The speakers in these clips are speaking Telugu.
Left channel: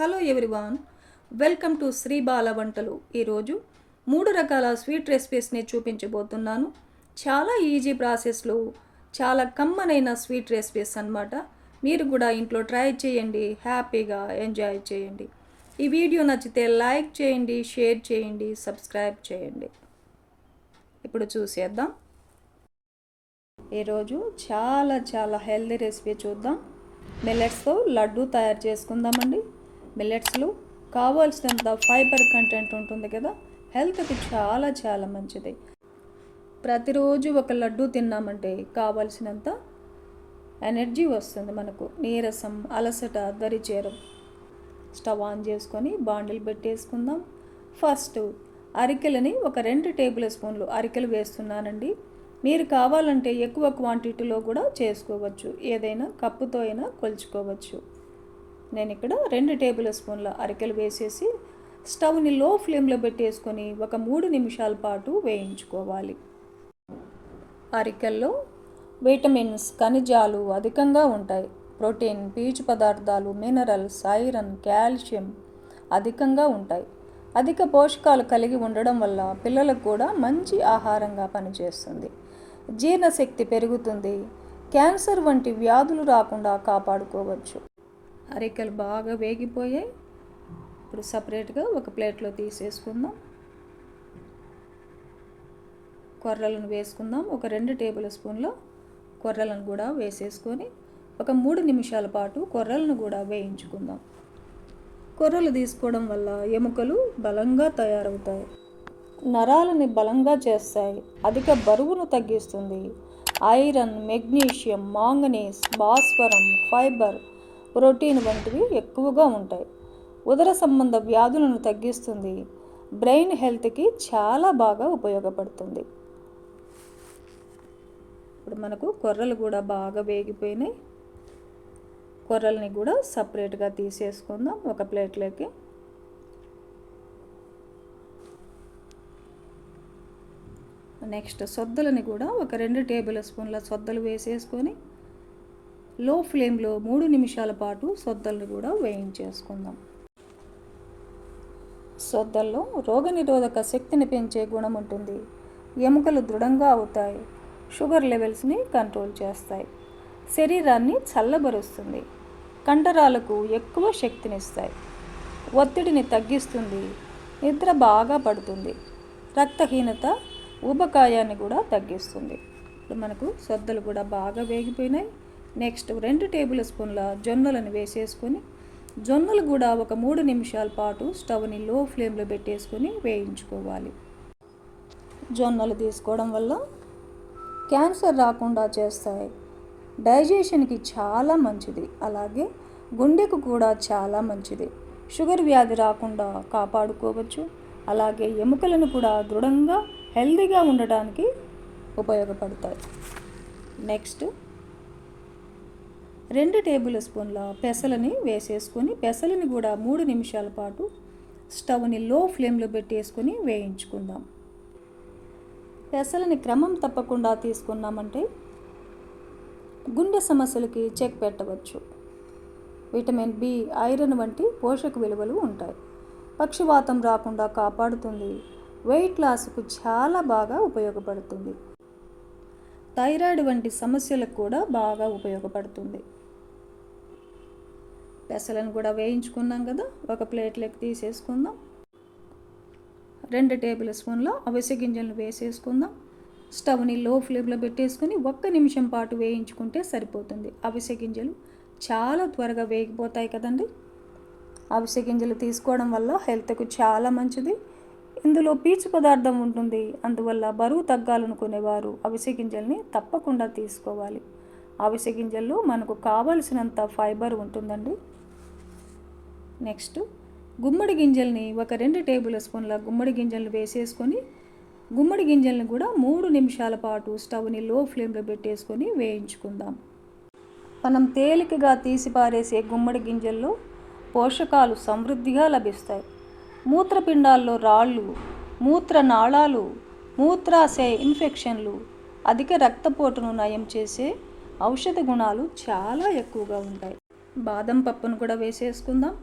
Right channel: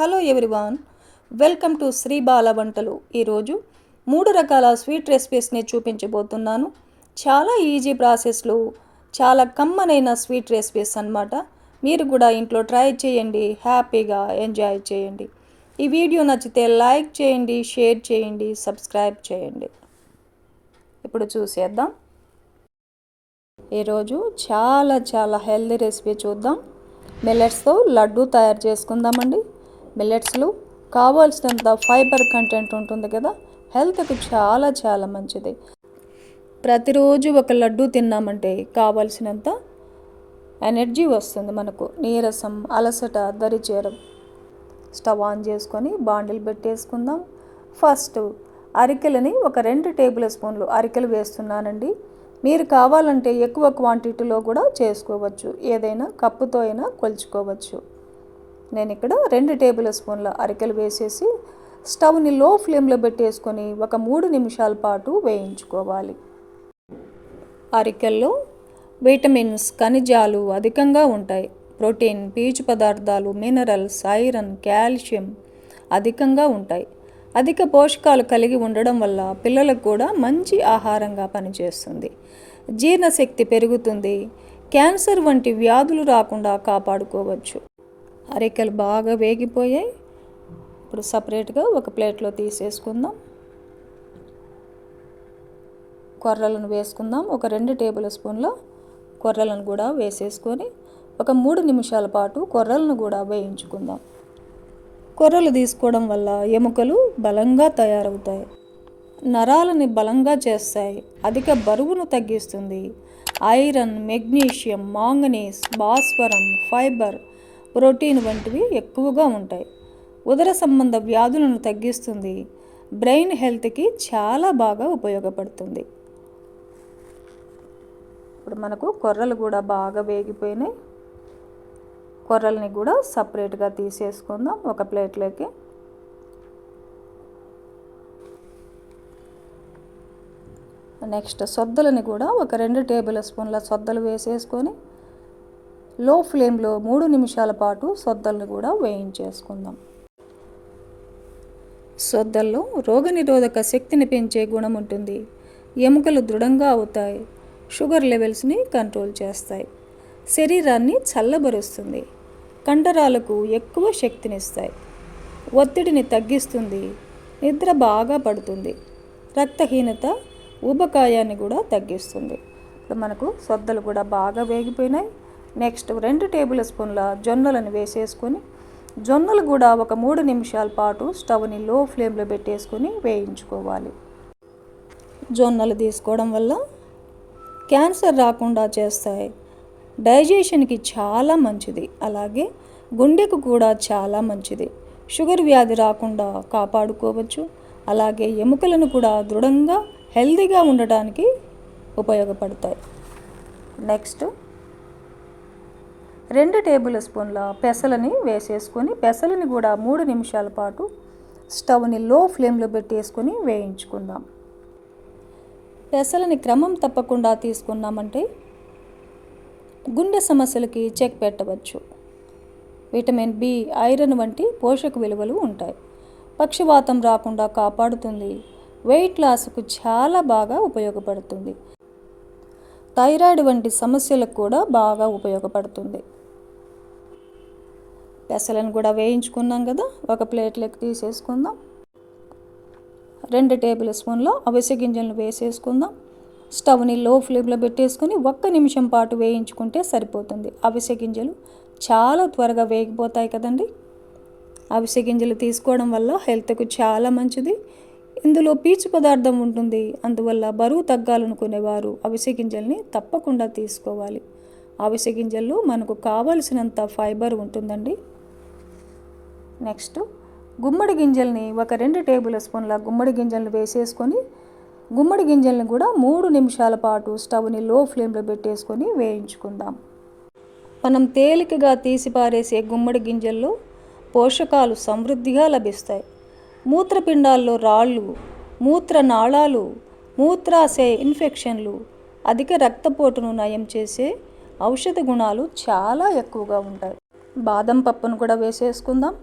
Hello everyone welcome to Shri Bala Vantalu. ఈరోజు మూడు రకాల స్వీట్ రెసిపీస్ని చూపించబోతున్నాను. చాలా ఈజీ ప్రాసెస్లో చాలా కమ్మనైన స్వీట్ రెసిపీస్ అన్నమాట. మీరు కూడా ఇంట్లో ట్రై చేయండి హ్యాపీగా ఎంజాయ్ చేయండి. ఈ వీడియో నచ్చితే లైక్ చేయండి షేర్ చేయండి సబ్స్క్రైబ్ చేయండి. ఇప్పుడు చూసేద్దాం. ఈరోజు చాలా చాలా హెల్దీ రెసిపీ చూద్దాం. మిల్లెట్స్తో లడ్డు తయారు చేసుకుందామండి. మిల్లెట్స్లో. కావాల్సినంత ఫైబర్ కంటెంట్ ఉంటుంది కదా? హెల్త్కి చాలా చాలా మంచిది. ప్రతిరోజు ఒక లడ్డు తిన్నామంటే కావాల్సినంత ఎనర్జీ వస్తుంది మనకు. నీరసం అలసట దరిచేరం. స్టవ్ ఆన్ చేసుకొని బాండిల్ పెట్టేసుకుందాం. ఫస్ట్ అరికెలని ఒక రెండు టేబుల్ స్పూన్లు అరికెలు వేస్తున్నానండి. మీరు కావాలంటే ఎక్కువ క్వాంటిటీలో కూడా చేసుకోవచ్చు. ఏదైనా కప్పుతో అయినా కొలుచుకోవచ్చు. నేను ఇక్కడ రెండు టేబుల్ స్పూన్ల అరికెలు వేసేసి స్టవ్ని లో ఫ్లేమ్లో పెట్టేసుకొని ఒక మూడు నిమిషాల పాటు వేయించుకోవాలి. అరికెల్లో విటమిన్స్ ఖనిజాలు అధికంగా ఉంటాయి. ప్రోటీన్ పీచు పదార్థాలు మినరల్స్ ఐరన్ కాల్షియం అధికంగా ఉంటాయి. అధిక పోషకాలు కలిగి ఉండడం వల్ల పిల్లలకు కూడా మంచి ఆహారంగా పనిచేస్తుంది. జీర్ణశక్తి పెరుగుతుంది. క్యాన్సర్ వంటి వ్యాధులు రాకుండా కాపాడుకోవచ్చు. అరికెలు బాగా వేగిపోయాయి. ఇప్పుడు సపరేట్గా ఒక ప్లేట్లో తీసేసుకుందాం. కొర్రలను వేసుకుందాం. ఒక రెండు టేబుల్ స్పూన్ల కొర్రలను కూడా వేసేసుకొని ఒక మూడు నిమిషాల పాటు కొర్రలను కూడా వేయించుకుందాం. కొర్రలు తీసుకోవడం వల్ల ఎముకలు బలంగా తయారవుతాయి. నరాలని బలంగా చేస్తాయి. అధిక బరువును తగ్గిస్తుంది. ఐరన్ మెగ్నీషియం మాంగనీస్ భాస్వరం ఫైబర్ ప్రోటీన్ వంటివి ఎక్కువగా ఉంటాయి. ఉదర సంబంధ వ్యాధులను తగ్గిస్తుంది. బ్రెయిన్ హెల్త్కి చాలా బాగా ఉపయోగపడుతుంది. ఇప్పుడు మనకు కొర్రలు కూడా బాగా వేగిపోయినాయి. కొర్రల్ని కూడా సపరేట్గా తీసేసుకుందాం. ఒక ప్లేట్లోకి. నెక్స్ట్ సొద్దలని కూడా ఒక రెండు టేబుల్ స్పూన్ల సొద్దలు వేసేసుకొని లో ఫ్లేమ్లో మూడు నిమిషాల పాటు సొద్దల్ని కూడా వేయించేసుకుందాం. సొద్దల్లో రోగనిరోధక శక్తిని పెంచే గుణం ఉంటుంది. ఎముకలు దృఢంగా అవుతాయి. షుగర్ లెవెల్స్ని కంట్రోల్ చేస్తాయి. శరీరాన్ని చల్లబరుస్తుంది. కండరాలకు ఎక్కువ శక్తినిస్తాయి. ఒత్తిడిని తగ్గిస్తుంది. నిద్ర బాగా పడుతుంది. రక్తహీనత ఊబకాయాన్ని కూడా తగ్గిస్తుంది. ఇప్పుడు మనకు సొద్దలు కూడా బాగా వేగిపోయినాయి. నెక్స్ట్ రెండు టేబుల్ స్పూన్ల జొన్నలను వేసేసుకొని జొన్నలు కూడా ఒక మూడు నిమిషాల పాటు స్టవ్ని లో ఫ్లేమ్లో పెట్టేసుకొని వేయించుకోవాలి. జొన్నలు తీసుకోవడం వల్ల క్యాన్సర్ రాకుండా చేస్తాయి. డైజెషన్కి చాలా మంచిది. అలాగే గుండెకు కూడా చాలా మంచిది. షుగర్ వ్యాధి రాకుండా కాపాడుకోవచ్చు. అలాగే ఎముకలను కూడా దృఢంగా హెల్తీగా ఉండటానికి ఉపయోగపడతాయి. నెక్స్ట్ రెండు టేబుల్ స్పూన్ల పెసలని వేసేసుకొని పెసలని కూడా మూడు నిమిషాల పాటు స్టవ్ని లో ఫ్లేమ్లో పెట్టేసుకొని వేయించుకుందాం. పెసలని క్రమం తప్పకుండా తీసుకున్నామంటే గుండె సమస్యలకి చెక్ పెట్టవచ్చు. విటమిన్ బి ఐరన్ వంటి పోషక విలువలు ఉంటాయి. పక్షవాతం రాకుండా కాపాడుతుంది. వెయిట్ లాస్కు చాలా బాగా ఉపయోగపడుతుంది. థైరాయిడ్ వంటి సమస్యలకు కూడా బాగా ఉపయోగపడుతుంది. పెసలను కూడా వేయించుకున్నాం కదా ఒక ప్లేట్లోకి తీసేసుకుందాం. రెండు టేబుల్ స్పూన్లో అవిసె గింజలను వేసేసుకుందాం. స్టవ్ని లో ఫ్లేమ్లో పెట్టేసుకొని ఒక్క నిమిషం పాటు వేయించుకుంటే సరిపోతుంది. అవిసె గింజలు చాలా త్వరగా వేగిపోతాయి కదండి. అవిసె గింజలు తీసుకోవడం వల్ల హెల్త్కు చాలా మంచిది. ఇందులో పీచు పదార్థం ఉంటుంది. అందువల్ల బరువు తగ్గాలనుకునేవారు అవిసె గింజల్ని తప్పకుండా తీసుకోవాలి. అవిసె గింజల్లో మనకు కావలసినంత ఫైబర్ ఉంటుందండి. నెక్స్ట్ గుమ్మడి గింజల్ని ఒక రెండు టేబుల్ స్పూన్ల గుమ్మడి గింజలను వేసేసుకొని గుమ్మడి గింజలను కూడా మూడు నిమిషాల పాటు స్టవ్ని లో ఫ్లేమ్లో పెట్టేసుకొని వేయించుకుందాం. మనం తేలికగా తీసి పారేసే గుమ్మడి గింజల్లో పోషకాలు సమృద్ధిగా లభిస్తాయి. మూత్రపిండాల్లో రాళ్ళు మూత్రనాళాలు మూత్రాశయ ఇన్ఫెక్షన్లు అధిక రక్తపోటును నయం చేసే ఔషధ గుణాలు చాలా ఎక్కువగా ఉంటాయి. బాదం పప్పును కూడా వేసేసుకుందాం.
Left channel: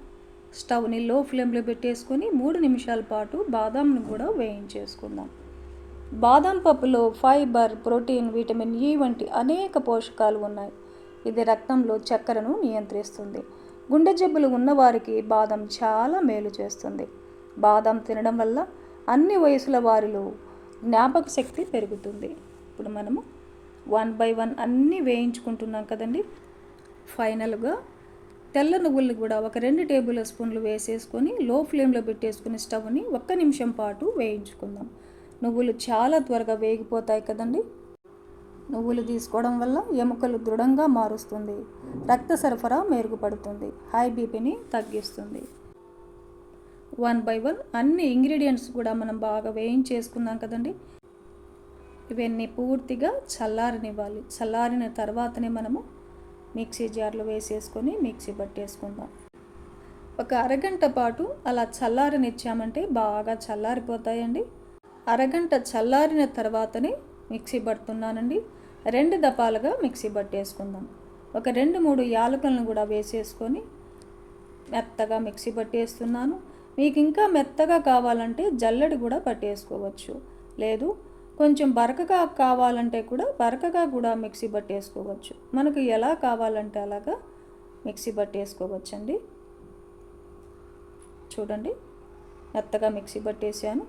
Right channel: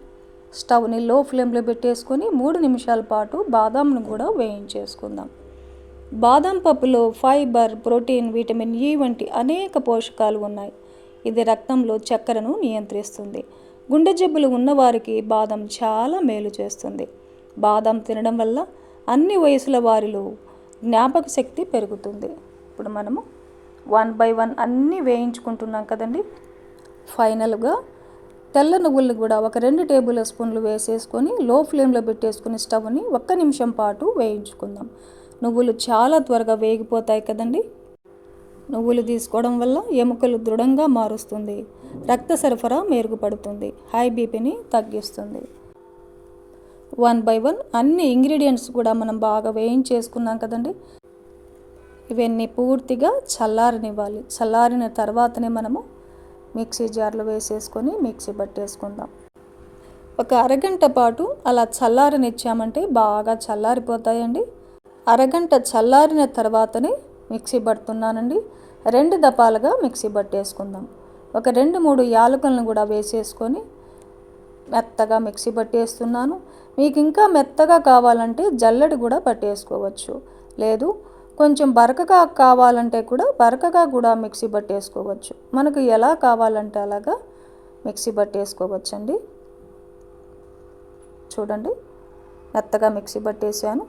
స్టవ్ని లో ఫ్లేమ్లో పెట్టేసుకొని మూడు నిమిషాల పాటు బాదాంను కూడా వేయించేసుకుందాం. బాదం పప్పులో ఫైబర్ ప్రోటీన్ విటమిన్ ఈ వంటి అనేక పోషకాలు ఉన్నాయి. ఇది రక్తంలో చక్కెరను నియంత్రిస్తుంది. గుండె జబ్బులు ఉన్నవారికి బాదం చాలా మేలు చేస్తుంది. బాదం తినడం వల్ల అన్ని వయసుల వారిలో జ్ఞాపక శక్తి పెరుగుతుంది. ఇప్పుడు మనము వన్ బై వన్ అన్నీ వేయించుకుంటున్నాం కదండి. ఫైనల్గా తెల్ల నువ్వుల్ని కూడా ఒక రెండు టేబుల్ స్పూన్లు వేసేసుకొని లో ఫ్లేమ్లో పెట్టేసుకుని స్టవ్ని ఒక్క నిమిషం పాటు వేయించుకుందాం. నువ్వులు చాలా త్వరగా వేగిపోతాయి కదండి. నువ్వులు తీసుకోవడం వల్ల ఎముకలు దృఢంగా మారుస్తుంది. రక్త సరఫరా మెరుగుపడుతుంది. హై బీపీని తగ్గిస్తుంది. వన్ బై వన్ అన్ని ఇంగ్రీడియంట్స్ కూడా మనం బాగా వేయించేసుకున్నాం కదండి. ఇవన్నీ పూర్తిగా చల్లారనివ్వాలి. చల్లారిన తర్వాతనే మనము మిక్సీ జార్లో వేసేసుకొని మిక్సీ పట్టేసుకుందాం. ఒక అరగంట పాటు అలా చల్లారనిచ్చామంటే బాగా చల్లారిపోతాయండి. అరగంట చల్లారిన తర్వాతనే మిక్సీ పడుతున్నానండి. రెండు దపాలుగా మిక్సీ పట్టేసుకుందాం. ఒక రెండు మూడు యాలకులను కూడా వేసేసుకొని మెత్తగా మిక్సీ పట్టేస్తున్నాను. మీకు ఇంకా మెత్తగా కావాలంటే జల్లడి కూడా పట్టేసుకోవచ్చు. లేదు కొంచెం బరకగా కావాలంటే కూడా బరకగా కూడా మిక్సీ పట్టేసుకోవచ్చు మనకు ఎలా కావాలంటే అలాగా మిక్సీ పట్టేసుకోవచ్చండి చూడండి మెత్తగా మిక్సీ పట్టేసాను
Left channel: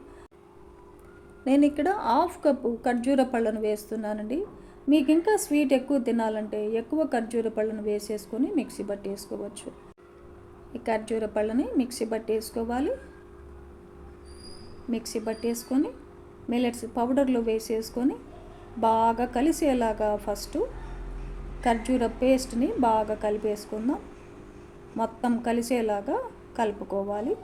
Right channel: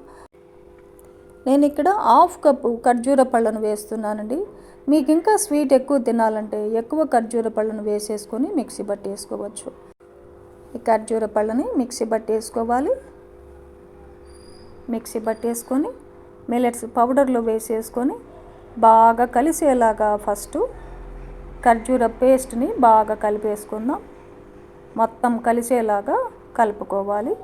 నేను ఇక్కడ హాఫ్ కప్పు ఖర్జూర పళ్ళను వేస్తున్నానండి. మీకు ఇంకా స్వీట్ ఎక్కువ తినాలంటే ఎక్కువ ఖర్జూర పళ్ళను వేసేసుకొని మిక్సీ పట్టేసుకోవచ్చు ఈ ఖర్జూర పళ్ళని మిక్సీ పట్టేసుకోవాలి మిక్సీ పట్టేసుకొని మిల్లెట్స్ పౌడర్లో వేసేసుకొని బాగా కలిసేలాగా ఫస్ట్ ఖర్జూర పేస్ట్ని బాగా కలిపేసుకుందాం. మొత్తం కలిసేలాగా కలుపుకోవాలి.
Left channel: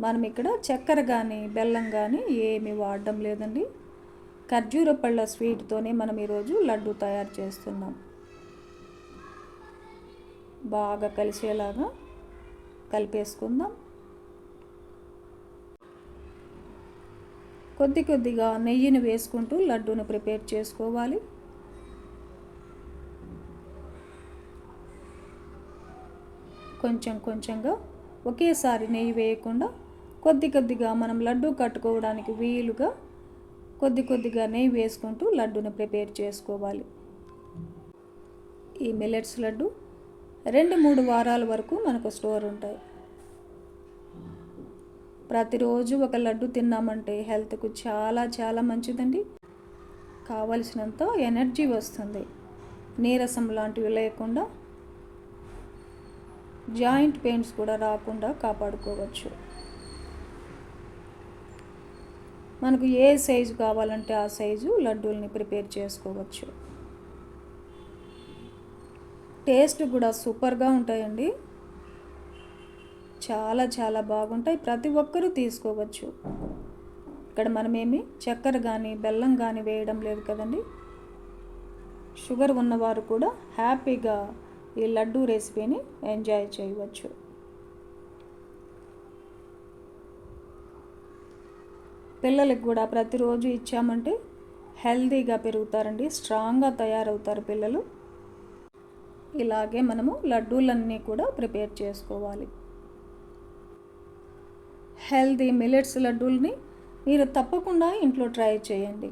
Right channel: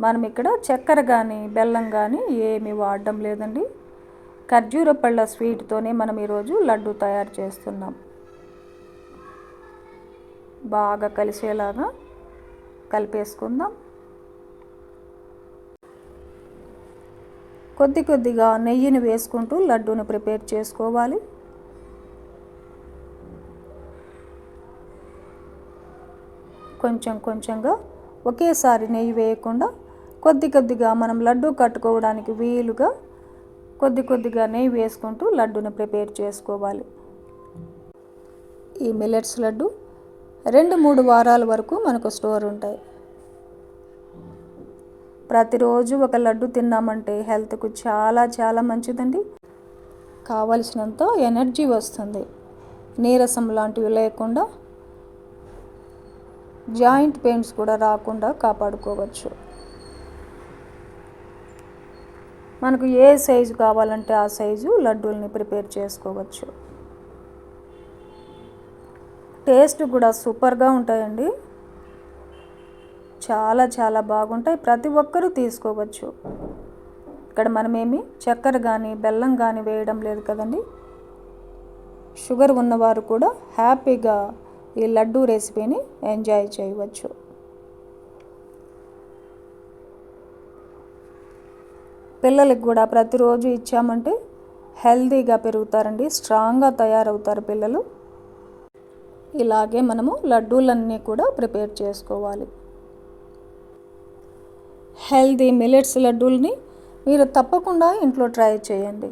మనం ఇక్కడ చక్కెర కానీ బెల్లం కానీ ఏమీ వాడడం లేదండి. ఖర్జూర పళ్ళ స్వీట్తోనే మనం ఈరోజు లడ్డు తయారు చేస్తున్నాం. బాగా కలిసేలాగా కలిపేసుకుందాం. కొద్ది కొద్దిగా నెయ్యిని వేసుకుంటూ లడ్డూని ప్రిపేర్ చేసుకోవాలి. కొంచెం కొంచెంగా ఒకేసారి నెయ్యి వేయకుండా కొద్ది కొద్దిగా మనం లడ్డు కట్టుకోవడానికి వీలుగా కొద్ది కొద్దిగా నెయ్యి వేసుకుంటూ లడ్డుని ప్రిపేర్ చేసుకోవాలి. ఈ మిల్లెట్స్ లడ్డు రెండు మూడు వారాల వరకు మనకు స్టోర్ ఉంటాయి. ప్రతిరోజు ఒక లడ్డు తిన్నామంటే హెల్త్కు చాలా చాలా మంచిదండి. కావలసినంత ఎనర్జీ వస్తుంది. నీరసం లాంటివి లేకుండా జాయింట్ పెయిన్స్ కూడా రాకుండా కాపాడుకోవచ్చు. మనకు ఏ సైజు కావాలంటే ఆ సైజు లడ్డూల్ని ప్రిపేర్ చేసుకోవచ్చు. టేస్ట్ కూడా సూపర్గా ఉంటాయండి. చాలా చాలా బాగుంటాయి. ప్రతి ఒక్కరూ తీసుకోవచ్చు. ఇక్కడ మనమేమి చక్కెర కానీ బెల్లం కానీ వేయడం లేదు కదండి. షుగర్ ఉన్నవారు కూడా హ్యాపీగా ఈ లడ్డూ రెసిపీని ఎంజాయ్ చేయవచ్చు. పిల్లలకి కూడా ప్రతిరోజు ఇచ్చామంటే హెల్తీగా పెరుగుతారండి. స్ట్రాంగ్గా తయారవుతారు పిల్లలు. ఇలాగే మనము లడ్డూలన్నీ కూడా ప్రిపేర్ చేసుకోవాలి. హెల్దీ మిలెట్స్ లడ్డూల్ని మీరు తప్పకుండా ఇంట్లో ట్రై చేయండి.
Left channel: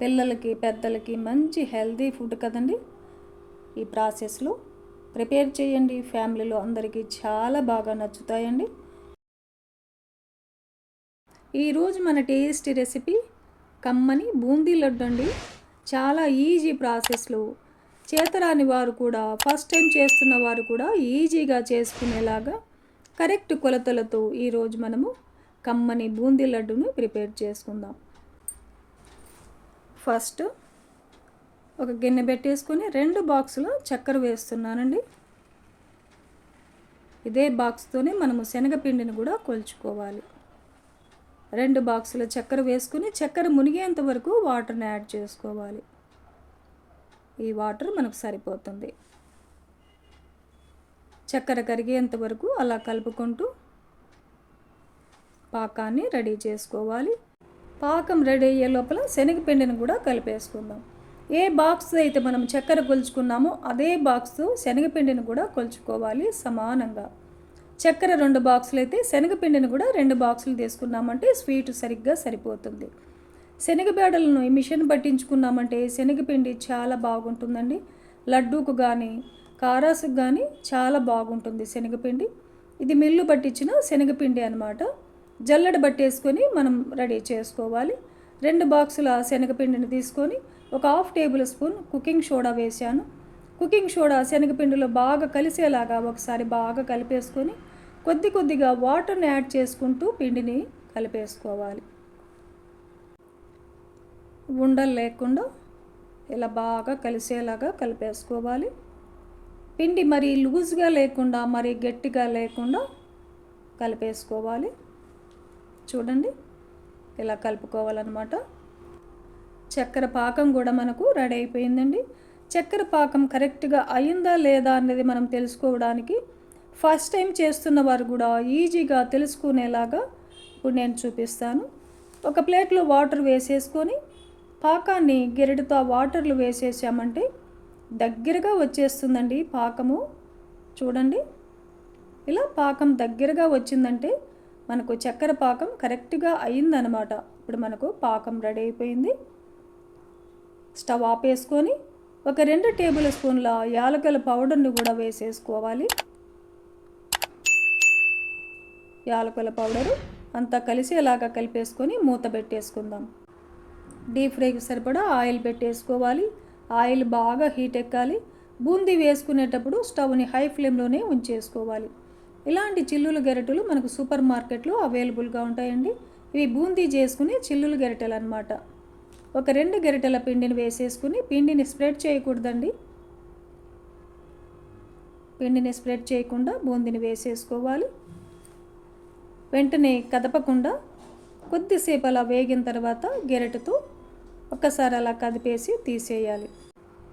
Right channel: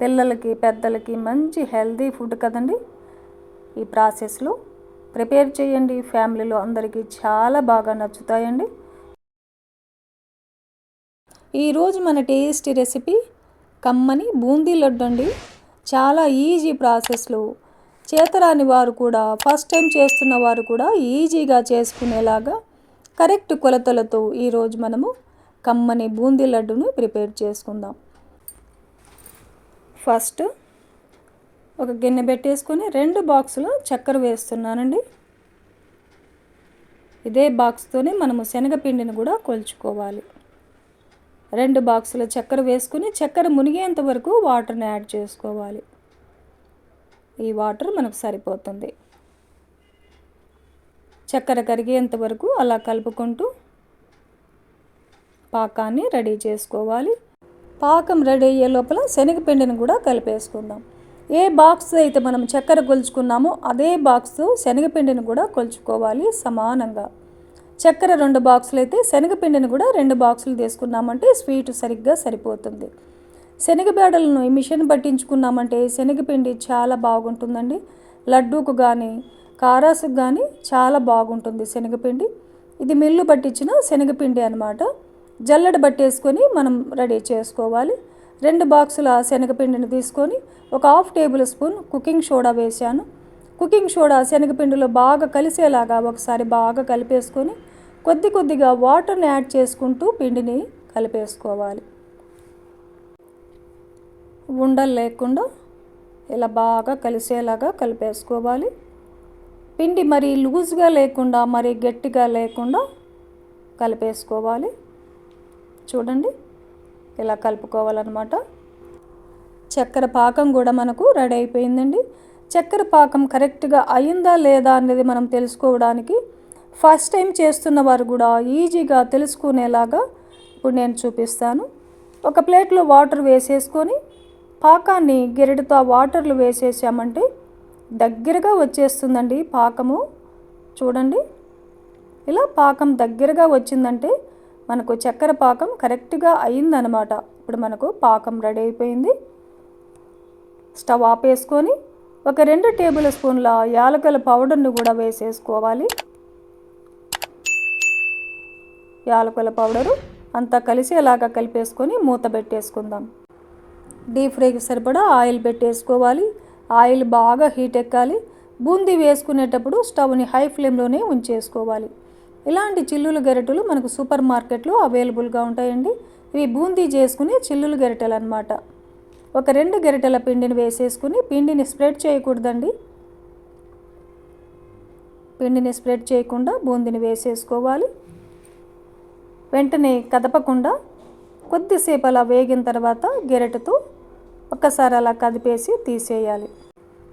పిల్లలకి పెద్దలకి మంచి హెల్దీ ఫుడ్ కదండి. ఈ ప్రాసెస్లో ప్రిపేర్ చేయండి. ఫ్యామిలీలో అందరికీ చాలా బాగా నచ్చుతాయండి. ఈరోజు మన టేస్టీ రెసిపీ కమ్మని బూందీ లడ్డు అండి. చాలా ఈజీ ప్రాసెస్లో. చేతరాని వారు కూడా ఫస్ట్ టైం చేస్తున్న వారు కూడా ఈజీగా చేసుకునేలాగా కరెక్ట్ కొలతలతో ఈరోజు మనము కమ్మని బూందీ లడ్డును ప్రిపేర్ చేసుకుందాం. ఫస్ట్ ఒక గిన్నె పెట్టేసుకొని రెండు బాక్సులు చక్కెర వేస్తున్నానండి. ఇదే బాక్స్తోనే మనము శనగపిండిని కూడా కొలుచుకోవాలి. రెండు బాక్సుల చక్కెర వేసుకుని చక్కెర మునిగేంత వరకు వాటర్ని యాడ్ చేసుకోవాలి. ఈ వాటర్ మనకు సరిపోతుంది. చక్కెర కరిగేంత వరకు అలా కలుపుకుంటూ పాకాన్ని రెడీ చేసుకోవాలి. పాకం రెడీ అయ్యే లోపల శనగపిండిని కూడా కలిపేసుకుందాం. ఏ బాక్స్ అయితే మనం చక్కెర కొలుచుకున్నామో అదే బాక్స్ శనగపిండిని కూడా కొలుచుకోవాలి సమానంగా. చక్కెర రెండు బాక్సులు అయితే శనగపిండిని కూడా రెండు బాక్సులు తీసుకున్నామంటే స్వీట్ సరిగ్గా సరిపోతుంది. శనగబేడలను ఈ మిషన్ పట్టించుకున్నామంటే శనగపిండి చాలా బాగుంటుందండి. లడ్డూకు కానీ కారాసుకు కానీ చాలా బాగుంటుంది శనగపిండి. ఇది మిల్లు పట్టించిన శనగపిండి అనమాట జల్లెడ పట్టేసుకొని మనం రెడీ చేసుకోవాలి. రెండు బాక్సుల శనగపిండిని తీసుకొని ఒక half tablespoon cooking soda వేశాను. కుకింగ్ సోడా శనగపిండిలో బాగా కలిసేలాగా ఒకసారి బాగా కలిపేసుకొని కొద్ది కొద్దిగా వాటర్ని యాడ్ చేసుకుంటూ పిండిని కలిపేసుకోవాలి. ఉండలు లేకుండా ఇలా బాగా కలిసేలాగా కలిపేసుకోవాలి. పిండి మరి లూజ్గా లేకుండా మరి గట్టిగా లేకుండా కలిపేసుకోవాలి. చూడండి ఇలా కలుపుకోవాలన్నమాట. చక్కెర పాకం కూడా మనకు రెడీ అయిపోయిందండి. చక్కెర పాకం కరెక్ట్గా అయిందా లేదా అనేది మనం తెలుసుకోవడానికి ఫస్ట్ టైం చేస్తున్న వారు కూడా ఈజీగా తెలుసుకునేలాగా ఇప్పుడు నేను చూపిస్తాను. ఒక ప్లేట్లో వాటర్ వేసేసుకొని పాకాన్ని గెరటితో వాటర్లు వేసేసామంటే దగ్గరగా వచ్చేస్తుందండి పాకము. చూడండి. ఇలా పాకం దగ్గరగా వచ్చిందంటే మనకు చక్కెర పాకం కరెక్ట్గా అయిందనమాట. ఇప్పుడు మనకు పాకం రెడీ అయిపోయింది. స్టవ్ ఆపేసుకొని ఒక రెండు టేబుల్ స్పూన్ల యాలకల పౌడర్ని కూడా వేసేసుకోవాలి. యాలకుల పౌడరు అంతా కలిసేలాగా కలిపేసుకొని మూత పెట్టేసుకుందాం. డీప్ ఫ్రైకి సరిపడా ఆయిల్ పెట్టేసుకోవాలి. ఆయిల్ బాగా హీట్ ఎక్కాలి. బూందీ వేసుకునేటప్పుడు స్టవ్ని హై ఫ్లేమ్లోనే ఉంచేసుకోవాలి. ఇలాంటి చిల్లులు గెరటలు మనకు సూపర్ మార్కెట్లో అవైలబుల్గా ఉంటాయండి. ఇవి బూందీ చేసుకునే చిల్లులు గెరటలు అనమాట ఒక రెండు గెరటల పిండిని వేసేసుకుని పిండిని స్ప్రెడ్ చేయకూడదండి. పిండిని స్ప్రెడ్ చేయకుండా బూందీని వేసేసుకోవాలి. వెంటనే కదపకుండా కొద్దిసేపు అలా వేగిన తర్వాత గెరటతో ఒక్కసారి అలా కదిపేసి తీసేయాలి.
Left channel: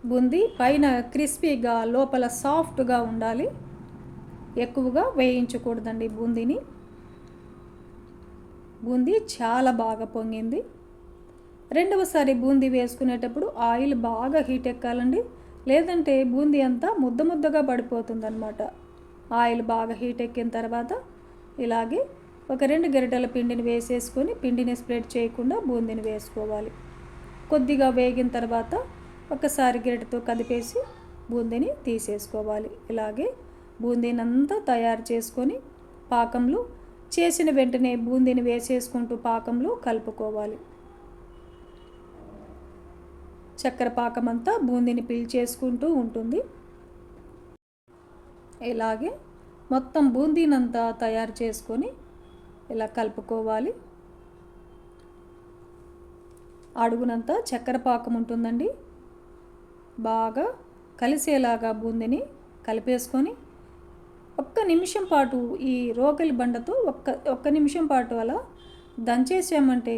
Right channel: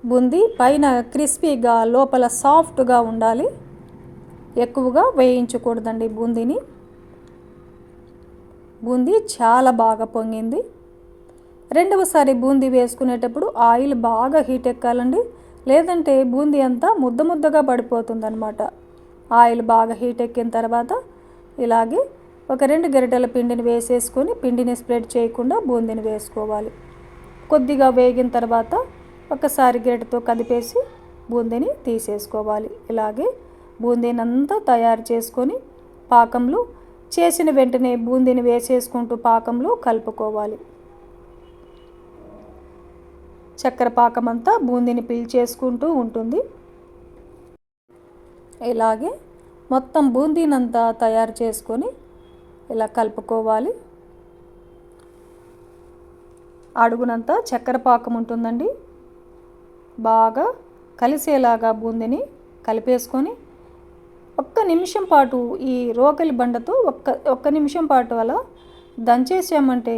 బూందీ పైన క్రిస్పీగా లోపల సాఫ్ట్గా ఉండాలి. ఎక్కువగా వేయించకూడదండి బూందీని. బూందీ చాలా బాగా పొంగింది. రెండవసారి బూందీ వేసుకునేటప్పుడు ఆయిల్ బాగా హీట్ ఎక్కాలండి. లేదంటే బూందీ అంతా ముద్ద ముద్దగా పడిపోతుందన్నమాట. ఆయిల్ బాగా హీట్ ఎక్కిన తర్వాత ఇలాగే ఒక రెండు గరిటెల పిండిని వేసేసుకొని పిండిని స్ప్రెడ్ చేయకుండా బూందీని వేసుకోవాలి. కొద్దిగా వేగిన తర్వాత ఒకసారి గరిటతో కదిపేసి బూందీని తీసేసుకోవాలి. ఇలాగే బూందీని అంతా తయారు చేసుకొని పాకంలో చేసిన వెంటనే బూందీని వేసేసుకుంటూ పాకంలో కలుపుకోవాలి. చక్కెర పాకం అంతా బూందీని పీల్చేసుకుంటూ ఉంటుంది. ఇలాగే మొత్తం బూందీనంతా తయారు చేసుకొని ఇలా కలుపుకోవాలి. అడుగునంతా చక్కెర పాకం ఉంటుందండి. బాగా కలిసేలాగా బూందిని కలిపేసుకొని ఒక్క నిమిషం పాటు ఈ రోకలి బండతో ఒక్క ఒక్క నిమిషం పాటు అలా దంచేసామంటే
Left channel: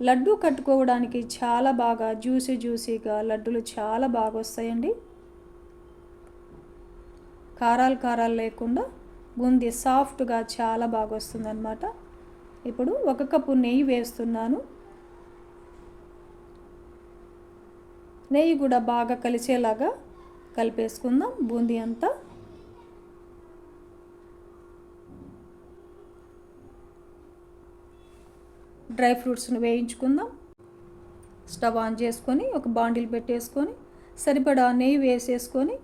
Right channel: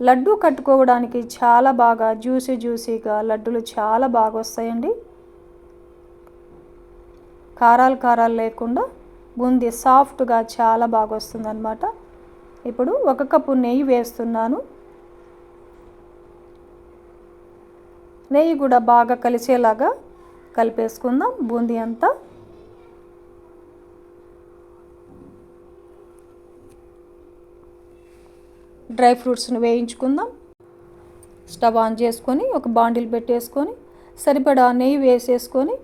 లడ్డు కట్టుకోవడానికి చాలా బాగా జ్యూసీ జ్యూసీగా లడ్డులు చాలా బాగా వస్తాయండి. కారాలు కారాలు లేకుండా బూందీ సాఫ్ట్గా చాలా బాగా వస్తుందన్నమాట. ఇప్పుడు ఒక కప్పు నెయ్యి వేస్తున్నాను. నెయ్యి కూడా బాగా కలిసేలాగా కలిపేసుకుందాం. బూందీ అంతా డ్రై ఫ్రూట్స్ని వేయించుకుందాం. స్టవ్ ఆన్ చేసుకొని ఒక బాండిల్ పెట్టేసుకొని సరిపడా నెయ్యి వేసేసుకొని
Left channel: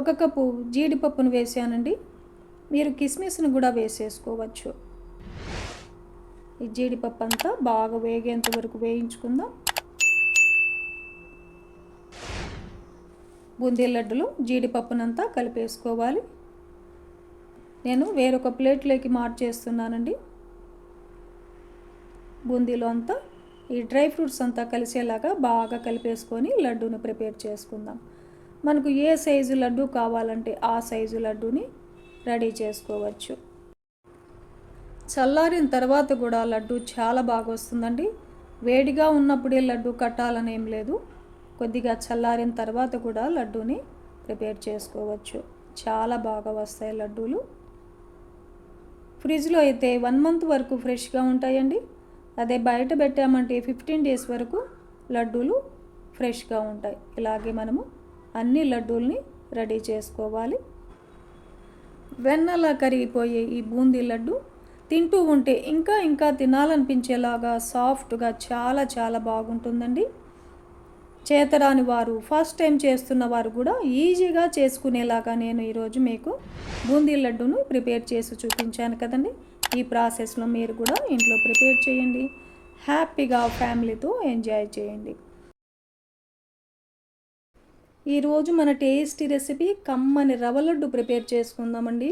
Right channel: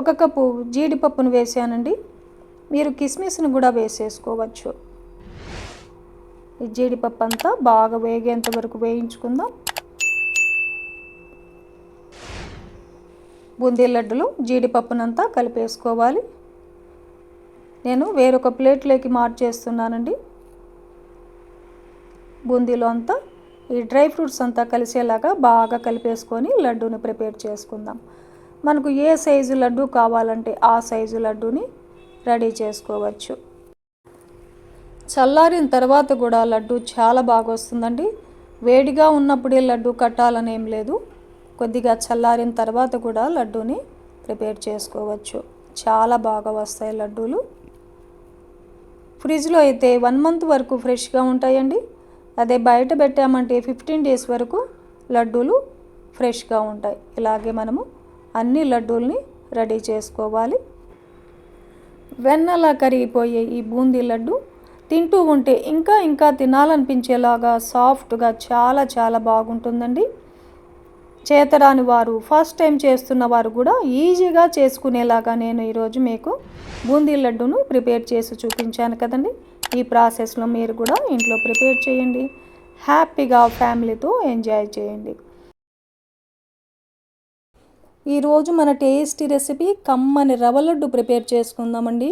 ఒక కప్పు జీడిపప్పును వేసానండి. మీరు కిస్మిస్ని కూడా వేసేసుకోవచ్చు. ఈ జీడిపప్పు అంతా బాగా వేగేంత వరకు వేయించుకుందాం. బూందీ లడ్డులు జీడిపప్పునంతా కలిపేసుకోవాలి. నేను వేరొక ప్లేట్లోకి మార్చేస్తున్నానండి. బూందీలో అంతా ఈ డ్రై ఫ్రూట్స్ అంతా కలిసేలాగా బాగా కలిపేసుకొని లడ్డూని ప్రిపేర్ చేసుకుందాం. మనకు ఏ సైజు లడ్డు కావాలంటే ఆ సైజు లడ్డూని రెడీ చేసుకోవచ్చు. చల్లారిన తర్వాత కూడా లడ్డు చాలా బాగా వస్తుందండి. వేడిగా ఉన్నప్పుడే లడ్డు కట్టాలనేం లేదు. కొద్దిగా చల్లారిన తర్వాత కూడా లడ్డూని ప్రిపేర్ చేసుకోవచ్చు. చాలా బాగా వస్తాయి లడ్డూలు. ఫ్రిడ్జ్లో అయితే వన్ మంత్ వరకు ఫ్రెష్గా ఉంటాయండి. అదే బయట పెట్టామంటే ఫిఫ్టీన్ డేస్ వరకు లడ్డూలు ఫ్రెష్గా ఉంటాయి. ఇలాగే మనము అన్ని లడ్డూల్ని రెడీ చేసుకోవాలి. వెన్నలా కరిగిపోయే ఈ బూందీ లడ్డు తింటూ ఉంటే ఇంకా ఇంకా తినాలనిపించేలాగా సాఫ్ట్గా చాలా చాలా బాగుంటుందండి. చేతరాని వారు ఫస్ట్ టైం చేస్తున్న వారు కూడా ఈజీగా చేసుకునేలాగా నేను ఈరోజు మీకు బూందీ లడ్డును ప్రిపేర్ చేసి చూపించాను కదండి. ఈ ప్రాసెస్లో మీరు కూడా ఇంట్లో ప్రిపేర్ చేయండి. హ్యాపీగా ఫ్యామిలీతో ఎంజాయ్ చేయండి. ఈరోజు మన టేస్టీ రెసిపీ కమ్మని రవ్వ లడ్డు ప్రిపేర్ చేసుకుందామండి.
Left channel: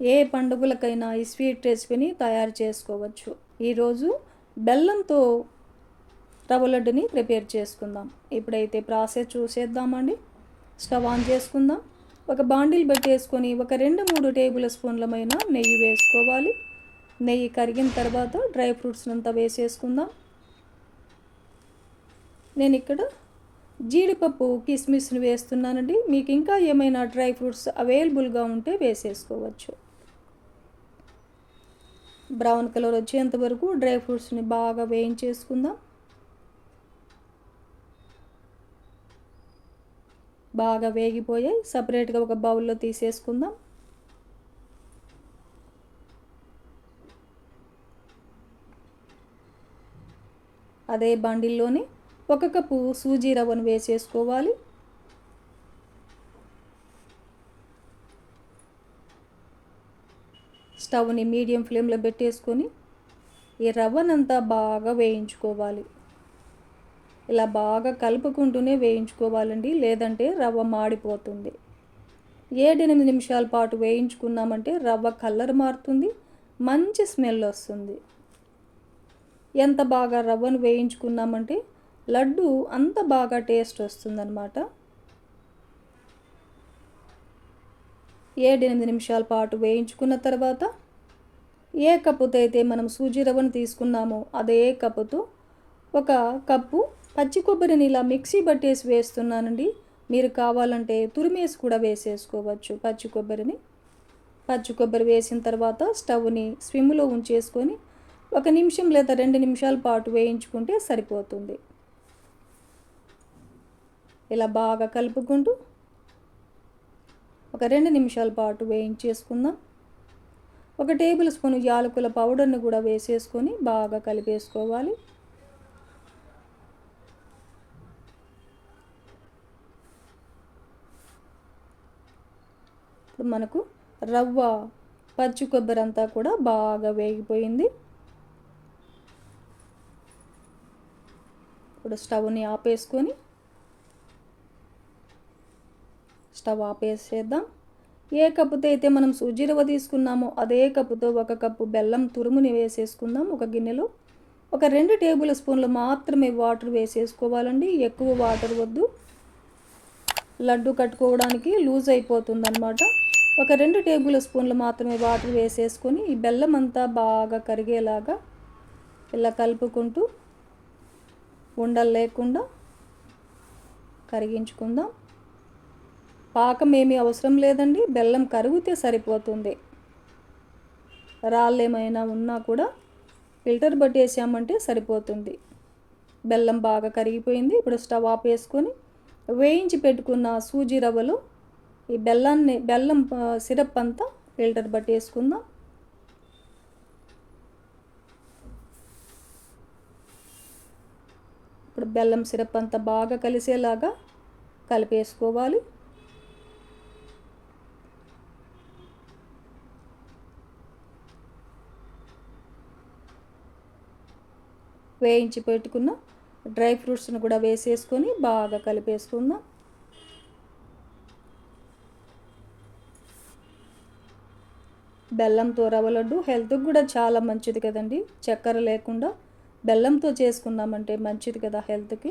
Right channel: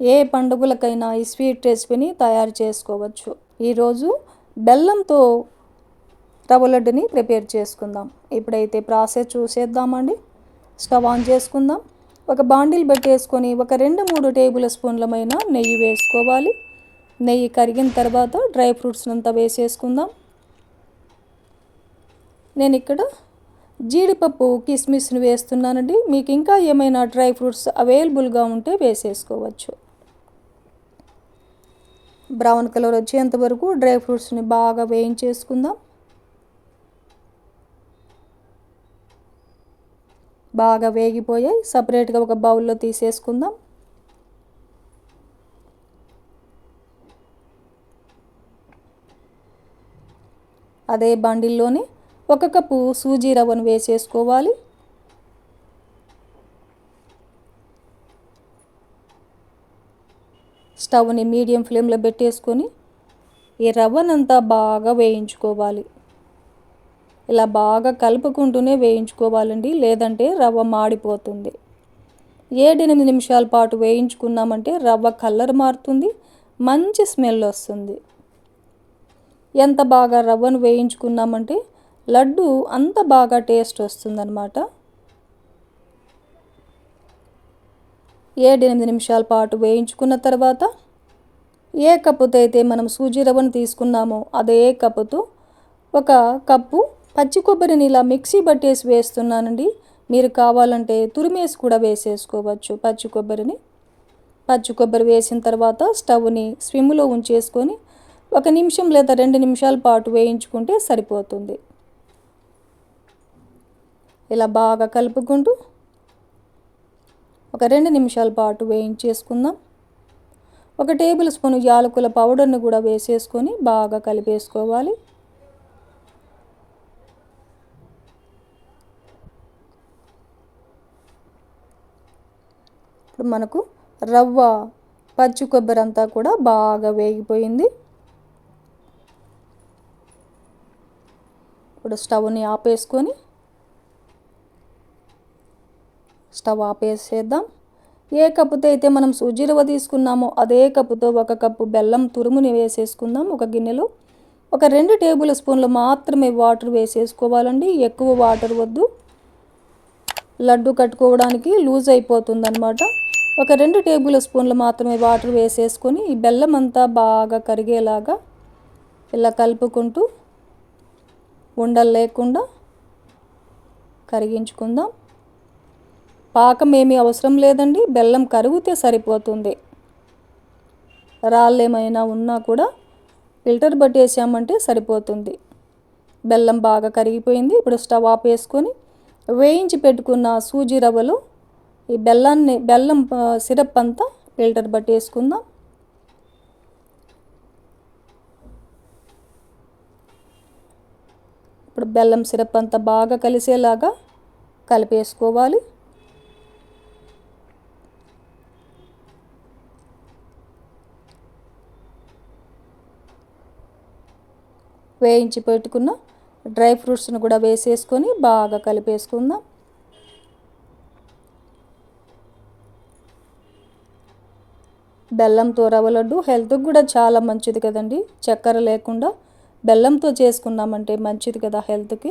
ఏ పండుగలకైనా ఈ స్వీట్ రెసిపీని తయారు చేసుకోవచ్చు. ఈరోజు బెల్లంతో రవ్వ లడ్డుని ప్రిపేర్ చేసుకుందాం. ఇప్పుడైతే ప్రాసెస్ చూసేద్దామండి. స్టవ్ ఆన్ చేసుకుందాం. ఒక బాండిల్ పెట్టేసుకొని ఒక రెండు మూడు టేబుల్ స్పూన్లమైన నెయ్యి వేసుకోవాలి. నెయ్యి కరిగిన తర్వాత డ్రై ఫ్రూట్స్ అంతా వేసేసుకుందాం. నేను ఇక్కడ జీడిపప్పు కిస్మిస్ని వేస్తున్నానండి. మీకు ఇంకా ఏమైనా డ్రై ఫ్రూట్స్ అవైలబుల్గా ఉంటే వేసేసుకోవచ్చు. బ్రౌన్ కలర్ వచ్చేంత వరకు డ్రై ఫ్రూట్స్ని బాగా వేయించేసుకుందాం. బాగా వేగిపోయాయి. సపరేట్గా ఒక బౌల్లో తీసేసుకుందాం. అదే బండిల్లోనే ఒక కప్పు సూజీ రవ్వను వేసేసుకోవాలి. స్టవ్ని మీడియం ఫ్లేమ్లో పెట్టేసుకొని ఈ రవ్వనంతా బాగా వేయించుకోవాలి. ఇలా బాగా కలుపుకుంటూనే వేయించుకోవాలండి లేదంటే రవ్వ మాడిపోతుంది. ఏడెనిమిది నిమిషాల పాటు వేయించుకున్నామంటే రవ్వ కలర్ మారుతుంది మంచి స్మెల్ వస్తుంది. ఎంత బాగా రవ్వను వేయించుకున్నామంటే లడ్డు అంత బాగా టేస్ట్ వస్తుందన్నమాట. ఏడెనిమిది నిమిషాల పాటు వేయించుకున్న తర్వాత ఏ కప్పుతో అయితే మనం సూజీ రవ్వను తీసుకున్నామో అదే కప్పుతో ఒక కప్పు పచ్చి కొబ్బరిని ఇలా మిక్సీ పట్టేసి వేస్తున్నానండి. మీరు కావాలంటే తురిమేసి కూడా వేసేసుకోవచ్చు పచ్చి కొబ్బరిని. పచ్చి కొబ్బరి వేసిన తర్వాత స్టవ్ని స్విమ్లో ఉంచేసుకొని ఒక నిమిషం లేదా రెండు నిమిషాల పాటు వేయించుకుంటే సరిపోతుంది. ఇలా బాగా కలుపుకుంటూ ఒక రెండు నిమిషాల పాటు వేయించేసుకుందాం. ఒక టేబుల్ స్పూన్ యాలకుల పౌడర్ని కూడా వేసేసుకొని బాగా కలిపేసుకోవాలి. ఇప్పుడు మనకు రవ్వ పచ్చి కొబ్బరి అంతా కూడా బాగా వేగిపోయింది. ఇప్పుడు స్టవ్ని ఆపేసుకొని స్టవ్ ఆపేసేద్దాం. ఏ కప్పుతో అయితే మనం సూజీ రవ్వ తీసుకున్నామో అదే కప్పుతో ఒక కప్పు బెల్లం తురుముని వేసేసుకుందాం. ఒక గిన్నెలో ఒక రెండు టేబుల్ స్పూన్లు మాత్రమే వాటర్ వేసేసుకోవాలండి. ఎక్కువ వాటర్ వద్దు. లడ్డు కట్టుకోవడానికి లూజ్ అయిపోతుందన్నమాట. ఒక రెండు టేబుల్ స్పూన్లు మాత్రమే వాటర్ వేసేసుకొని ఈ బెల్లం అంతా బాగా కరిగేలాగా ఇలా కలుపుకుంటూ ఉండలు లేకుండా కరిగించుకుందాం. పాకం ఏమీ అవసరం లేదండి. బెల్లం కరిగితే సరిపోతుంది. రాళ్ళు ఏమైనా ఉన్నా కూడా ఫిల్టర్ పట్టేసామంటే సరిపోతుంది. బెల్లం బాగా కరిగిపోయింది. ఇప్పుడు స్టవ్ ఆపేసుకొని వేయించి పెట్టుకున్న సూజీ రవ్వలు ఈ బెల్లాన్ని బెల్లం సిరప్ అంతా ఫిల్టర్ పట్టేసుకుందాం ఇప్పుడు బెల్లం సిరప్ అంతా బాగా కలిసేలాగా కలిపేసుకోవాలి. వేయించి పెట్టుకున్న డ్రై ఫ్రూట్స్ని కూడా వేసేసుకొని బాగా కలిపేసుకుందాం. బెల్లంతో రవ్వ లడ్డు హెల్త్కి కూడా చాలా మంచిది కదండి. చక్కెర లేకుండా బెల్లంతో చేసుకున్నామంటే మంచిది కదా హెల్త్కి.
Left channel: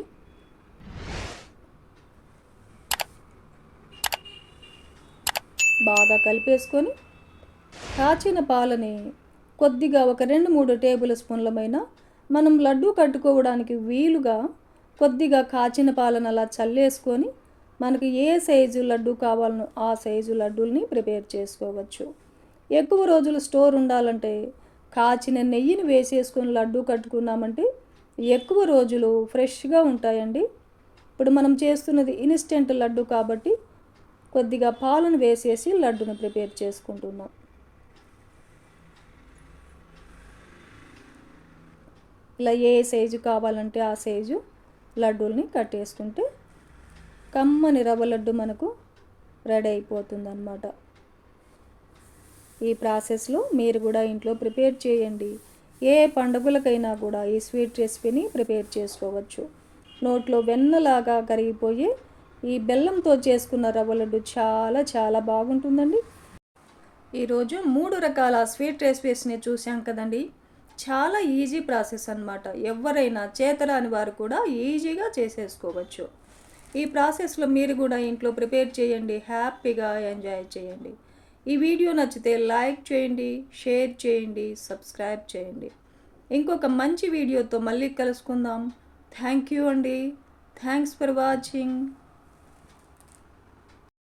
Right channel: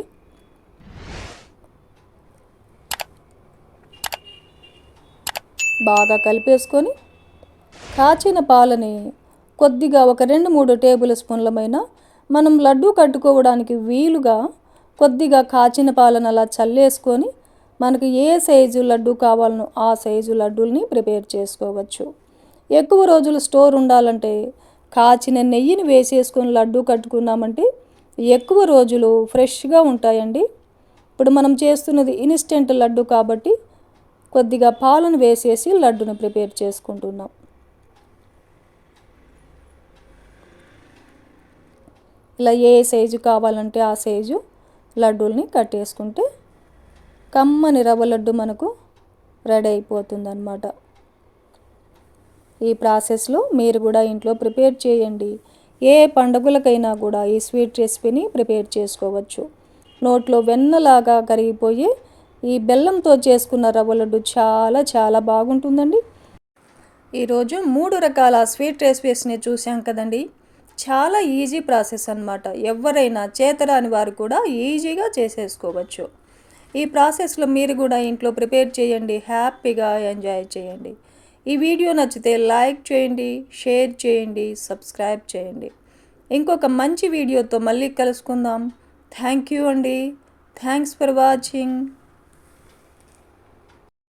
బాగా కలిపేసుకొని కాచిన పాలని కొద్దిగా ఒక రెండు మూడు టేబుల్ స్పూన్లమైన మనం లడ్డు కట్టుకోవడానికి వీలుగా కొద్దిగా కాచిన పాలను అలా చల్లేసుకొని మనకు ఏ సైజు లడ్డు కావాలనో ఆ సైజు లడ్డూల్ని ప్రిపేర్ చేసుకోవచ్చు. ఎక్కువ రోజులు స్టోర్ ఉండాలంటే కాచిన నెయ్యిని వేసేసుకొని లడ్డు కట్టుకున్నామంటే ఎక్కువ రోజులు ఫ్రెష్గా ఉంటాయండి. ఇప్పుడు మనం చేస్తున్నది ఇన్స్టెంట్ లడ్డు కాబట్టి కొద్దిగా పాలను వేసేసి లడ్డును ప్రిపేర్ చేసుకుంటున్నాం. ఇలా ఏ సైజు కావాలంటే ఆ సైజు లడ్డూల్ని కట్టేసుకుంటే కమ్మని రవ్వ లడ్డు మనకు రెడీ అయిపోతుంది అన్నమాట ఈ ప్రాసెస్లో మీరు కూడా ఇంట్లో ప్రిపేర్ చేయండి. ఏ పండుగలకైనా కూడా ఈ స్వీట్ రెసిపీని ప్రిపేర్ చేసుకోవచ్చు. నోట్లో వెన్నలాగా కరిగిపోయి ఈ బెల్లంతో చేసుకున్న రవ్వ లడ్డు చాలా చాలా బాగుంటుందండి. ఈరోజు మూడు రకాల స్వీట్ రెసిపీస్ని చూసాం కదండి. చాలా ఈజీ ప్రాసెస్ అనమాట ఎవరైనా చేతరాని వారు కూడా ఈజీగా చేసేసుకోవచ్చు. ఈ ప్రాసెస్లో మీరు కూడా ఇంట్లో ప్రిపేర్ చేయండి. హ్యాపీగా ఎంజాయ్ చేయండి. ఈ వీడియో నచ్చితే లైక్ చేయండి షేర్ చేయండి సబ్స్క్రైబ్ చేయండి. ఇంకొక మంచి వీడియోతో మళ్ళీ కలుసుకుందాం. థ్యాంక్ యూ అండి. Thanks for watching.